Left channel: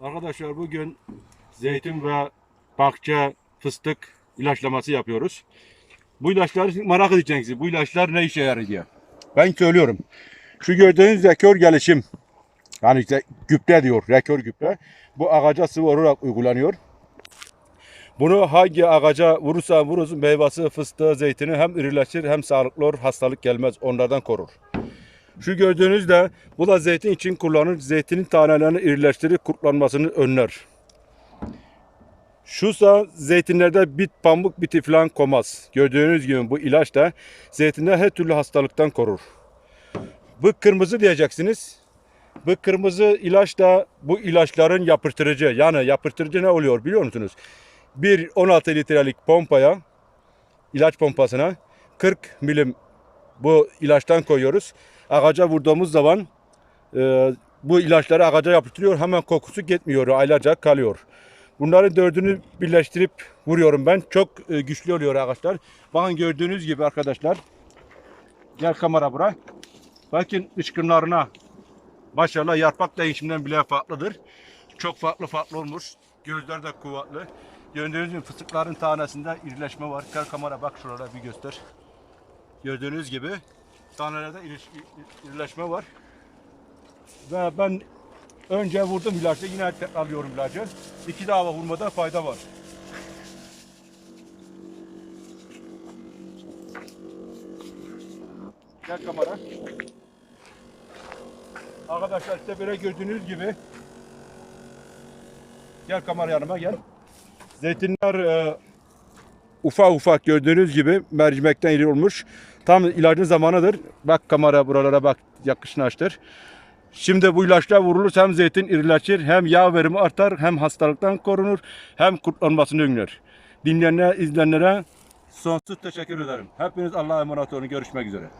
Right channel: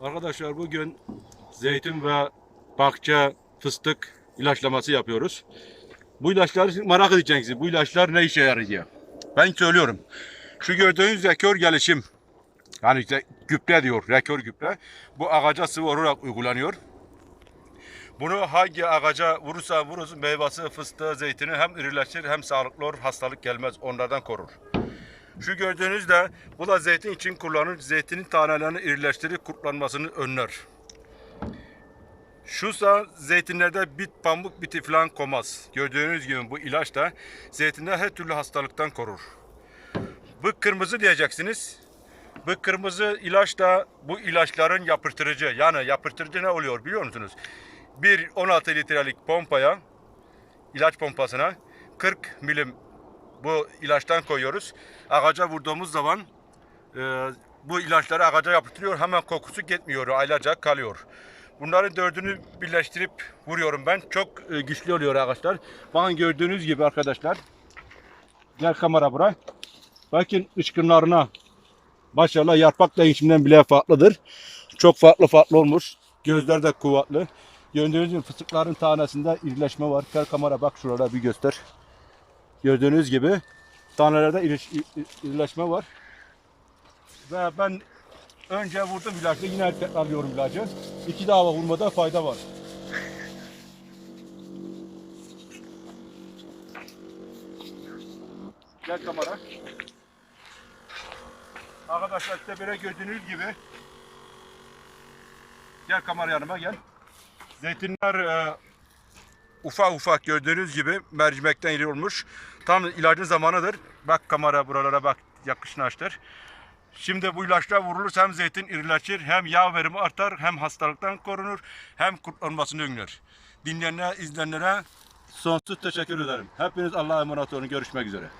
Arkadaşlar bugün zeytin ve bahçe fıstık ilaçlaması yapıyoruz. Bu ilaçları merak edeceksiniz. Bu ilaçlar ne işe yarıyor? Ben söylüyorum. Şu gördüğünüz rekor gelişim. Yani işte gübre diyor. Rekor gübre. Bu ağaca sıvı olarak uygulanıyor. Bunu hangi ağaca vurursa vurursun meyvesi, fıstığı, zeytini hem irileşir hem sağlıklı olur. Hastalık gelmez. Onlardan korur. Şu gördüğünüz de bu da zeytin için kullanılır. Zeytinin tanelerini irileştirir, kurtlanmasını önler. Şusa zeytinlerde bit, pamuk biti falan komaz. Gördüğünüz gibi bu ilaç da zeytinde her türlü hastalıktan korur. Bu kırmızı diyeceksiniz. Bu kırmızı ilaç da bu ilaçların yapıştırıcı. Yani yapıştırıcı ne oluyor biliyor musunuz? Bir 16 litrelik pompaya, ilaç pompasına 40 milim bu ilaçtan koyuyoruz. Ağaca vurduğumuz zaman e, bu ilaçları ağaca yapıştırıyor. Hemen kokusu gitmiyor. Aylarca kalıyor. Bunların dördünü birleştirip vuruyorum ben. Çok e, güçlü oluyor ağaçlar. Bakın gördüğünüz gibi arkadaşlar. Gel kamera buraya. Bakın ışkınlarına. Maşallah yaprak değişiminden bile farklıdır. Çok farklı farklı olmuş. Gözler de kuvvetli. Gördüğünüz gibi fıstıkların tanesinde irileşme var. Gel kamera bak şurada bir göster. Gördüğünüz gibi tanelerde iriş- iri- irileşme var. Ve ben önce vurdum ilacı yine tekrarlıyorum ilacı. İki daha vurmada fayda var. Gel kamera. Arkadaşlar işte böyle gördüğünüz gibi Gel kamera yanıma gel. Zeytinler e, ufak ufak gördüğünüz gibi mercimekten iri olmuş. Tam ilacın zamanıdır. Bak kamera buralara bak yakışnaştır. Şimdi bu ilaçlar vurulursa hem zeytin irileşir, hem yağ verimi artar, hem hastalıktan korunur, hem kurtlanmasını önler. Dinleyenlere, izleyenlere sonsuz teşekkür ederim. Hepiniz Allah'a emanet olun. Görüşmek üzere.